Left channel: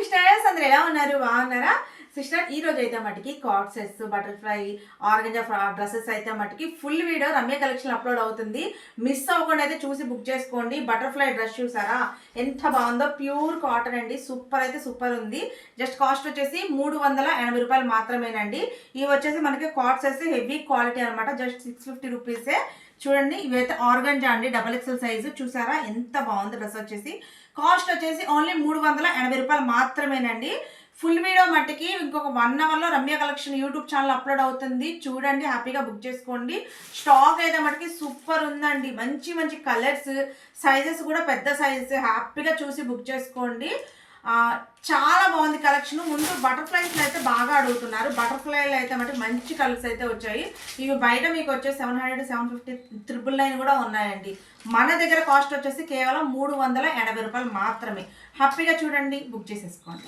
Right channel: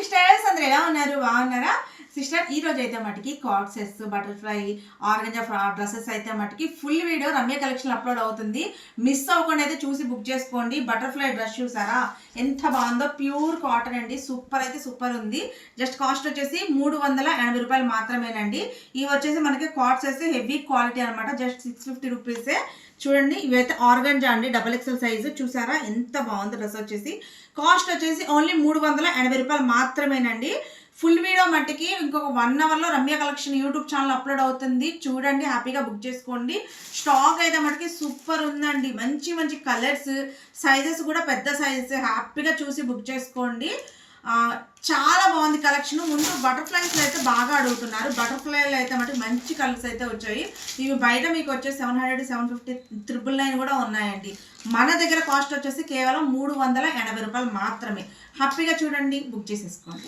Sisters అందరూ ఎలా ఉన్నారు? బాగున్నారా సిస్టర్? ఈ రోజు అయితే మటుకి card sets, butterfly, organza dresses అయితే మటుకి full video Ramya collection upload అవుతుంది. మిస్ అవ్వకుండా అయితే చూసి బుక్ చేసుకోండి. బటర్ఫ్లై డ్రెస్ చూసారా ఎంత బాగుందో, ప్యూర్ కాటన్ అండి, సూపర్ అయితే సూపర్ ఉంది. జస్ట్ కాస్ట్ వచ్చేసి 380 రూపాయలు మాత్రమేనండి. ఇవి వచ్చేసి మనకి కార్డ్ సెట్స్ హెవీ క్వాలిటీ అనమాట, జస్ట్ 650 రూపీసే. చూడండి, ఇవైతే ఆర్గంజా అండి, XXL సైజు. చూసారా ఎంత బాగుంది డ్రెస్ వచ్చేసి. కాస్ట్ వచ్చేసి ఓన్లీ 380 రూపాయలు మాత్రమేనండి. ఫుల్ వీడియో మట్టికి ఇంకొక 1 అవర్లో Ramya collection YouTube channel upload అవుతుంది. చూడండి, హ్యాపీగా బుక్ చేసుకోండి. స్టాక్ అయితే మటుకి సూపర్ ఉందండి. మంచి మంచి కలర్స్, సైజెస్ కూడా పెద్ద సైజెస్. హ్యాపీగా చూసి బుక్ చేసుకోండి. చాలా బాగుంది కలెక్షన్. ముందు బటర్ఫ్లైస్ అయితే బాగా అడుగుతున్నారు. బటర్ఫ్లైలు అయితే మటుకు మంచి కలర్స్ అయితే వచ్చాయి. ఇవి బయట మీకు వచ్చేసి 700, 750, 999 కూడా ఉన్నాయండి. మన దగ్గర కాస్ట్ వచ్చేసి కేవలం 380 రూపాయలు మాత్రమే. హ్యాపీగా చూడండి, బుక్ చేసేసుకోండి.